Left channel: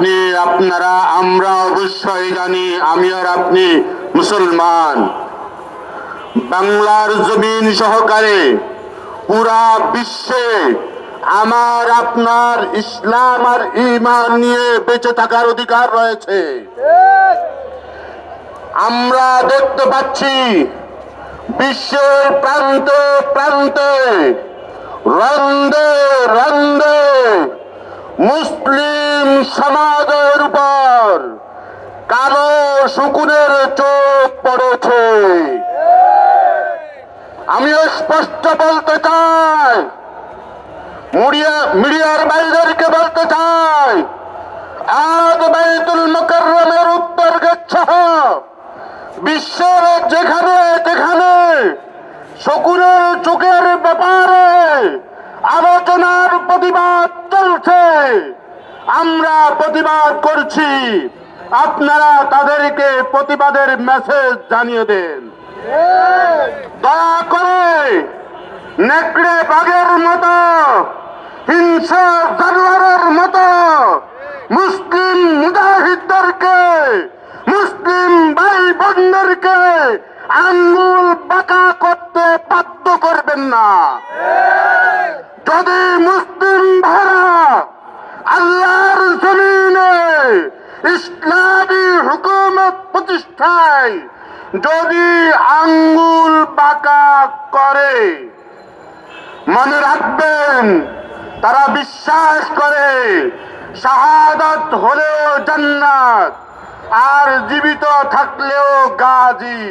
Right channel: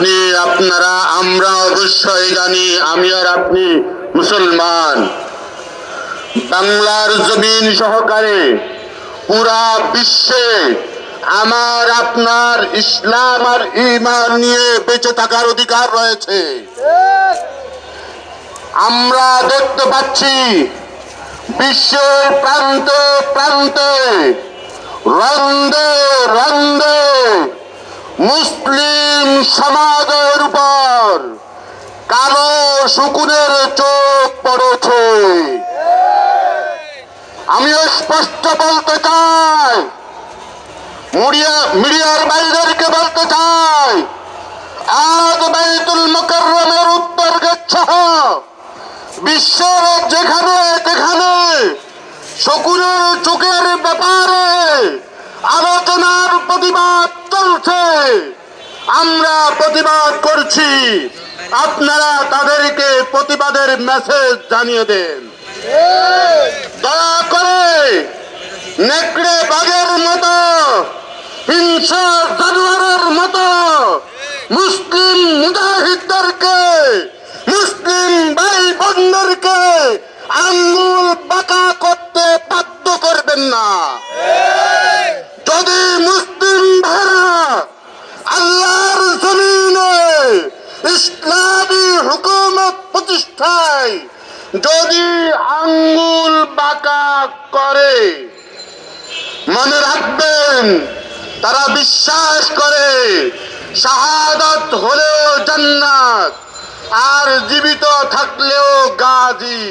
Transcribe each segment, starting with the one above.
আপনি, আপনারা, আমরা অবশ্যই জানি আমি আর আপনি মুসলমান। বাংলার জমিন সহকারে পুরা বিশ্বে আমার আপনার ইসলাম আর ঈমান নিয়ে বেঁচে থাকার অধিকার রয়েছে। আমরা দেখতে পাচ্ছি বিশ্বের প্রান্তে প্রান্তে রন্দে রন্দে মুসলিম সমাজের উপর কালো শকুনের চোখ পড়েছে। আমি স্পষ্ট বলতে চাই, মিডিয়ার ভাইদেরকে বলতে চাই, আজ বাইতুল মুকাররমের উত্তর গেট সহ বিশ্বের যেখানে যেখানে শকুনের চোখের ব্যাপারে আলোচনার প্রতিবাদ চলছে, আমরা প্রতিবাদ করছি। আপনারা তাদেরকে প্রতিবাদের মেসেজ জানিয়ে দেন। দয়া করে নেকড়ে বাঘের মতো, হিংসা জানোয়ারের মতো মুসলিম মুজাহিদদেরকে, মুসলিম ভাই বোনদেরকে আঙ্গুল বাঁকা করতে বাধ্য করবেন না। যদি মুসলিম ভাইরা আল্লাহর জমিনে ইসলামী হুকুমত প্রতিষ্ঠায় যদি আঙ্গুল বাঁকা করে, মনে রাখবেন তারা বিশ্বাস করে শাহাদাত হলেও জান্নাত আর জীবিত থাকলেও গাজী।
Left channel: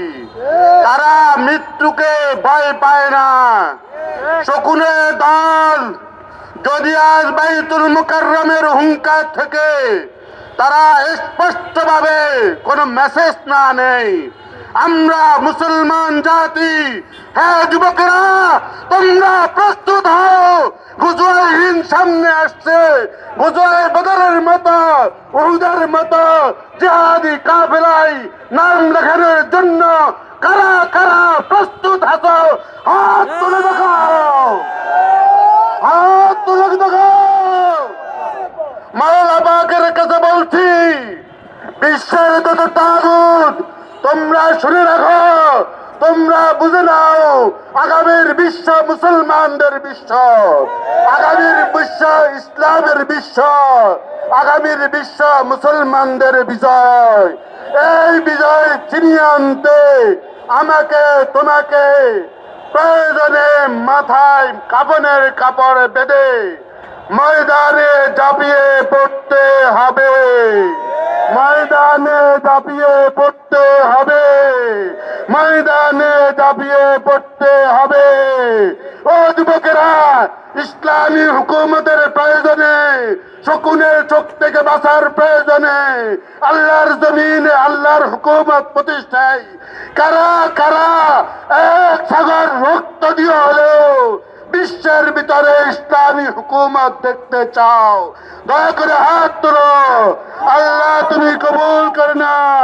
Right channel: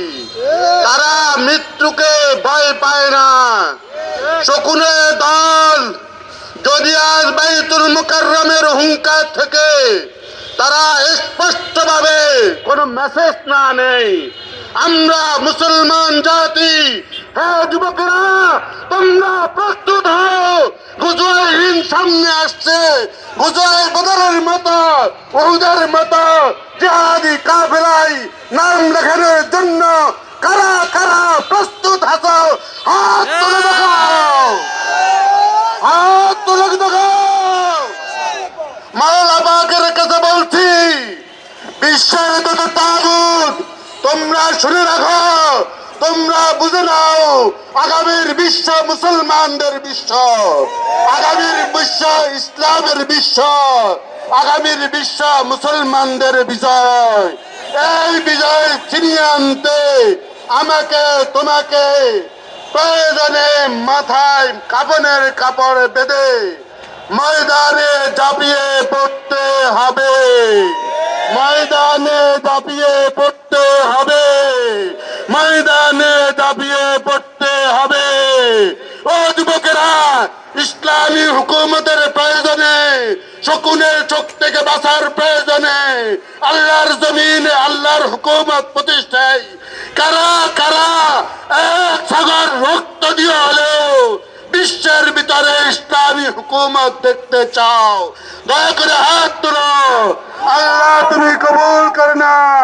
তারা মৃত্যুকে ভয় পায় না। শকুনের দল যদি আজ বাইতুল মুকাররমের হুঙ্কার থেকে তারা স্পষ্টভাবে কোনো মেসেজ না নেই, আমরা মুসলমান জাতি, হ্যাঁ যুবকেরা তোমরা প্রস্তুত হও। গুজরাইন সামনে আসছে, গুজরাই বদরের মতো, উহুদের মতো জিহাদি কাফেলায় নাম লেখানোর জন্য কারা কারা প্রস্তুত আছো? হাত তুলে দেখাও, হাত তুলে দেখাও। মাওলা পাকের কাছে বলছি, বিশ্বের যত তাগুত তোমরা শুনে রাখো, তোমরা বুঝে নাও, আগামীর বিশ্ব মুসলমানদের বিশ্ব, আগামীর বিশ্ব ইসলামের বিশ্ব, আগামীর বিশ্ব মুসলমানদের বিজয়। এই বিজয় ছিনিয়ে আনতে আমাকে তোমাকে প্রয়োজনে মাথায় কাফনের কাপড় বেঁধে ময়দানে ঝাঁপিয়ে পড়তে হবে, ময়দানে ঝাঁপিয়ে পড়তে হবে, ময়দানে ঝাঁপিয়ে পড়তে হবে। ও যুবকেরা, ইসলামী হুকুমতের প্রয়োজনে, শকুনের চোখ থেকে বাঁচার প্রয়োজনে, আল্লাহর জমিনে আল্লাহর হুকুমত প্রতিষ্ঠায় কারা কারা এক সাগর রক্ত দিয়ে হলেও বিশ্বের ভিতরে ইসলামী হুকুমত দেখতে চাও? দয়া করে হাত তোলো। আল্লাহ তুমি কবুল করে নাও।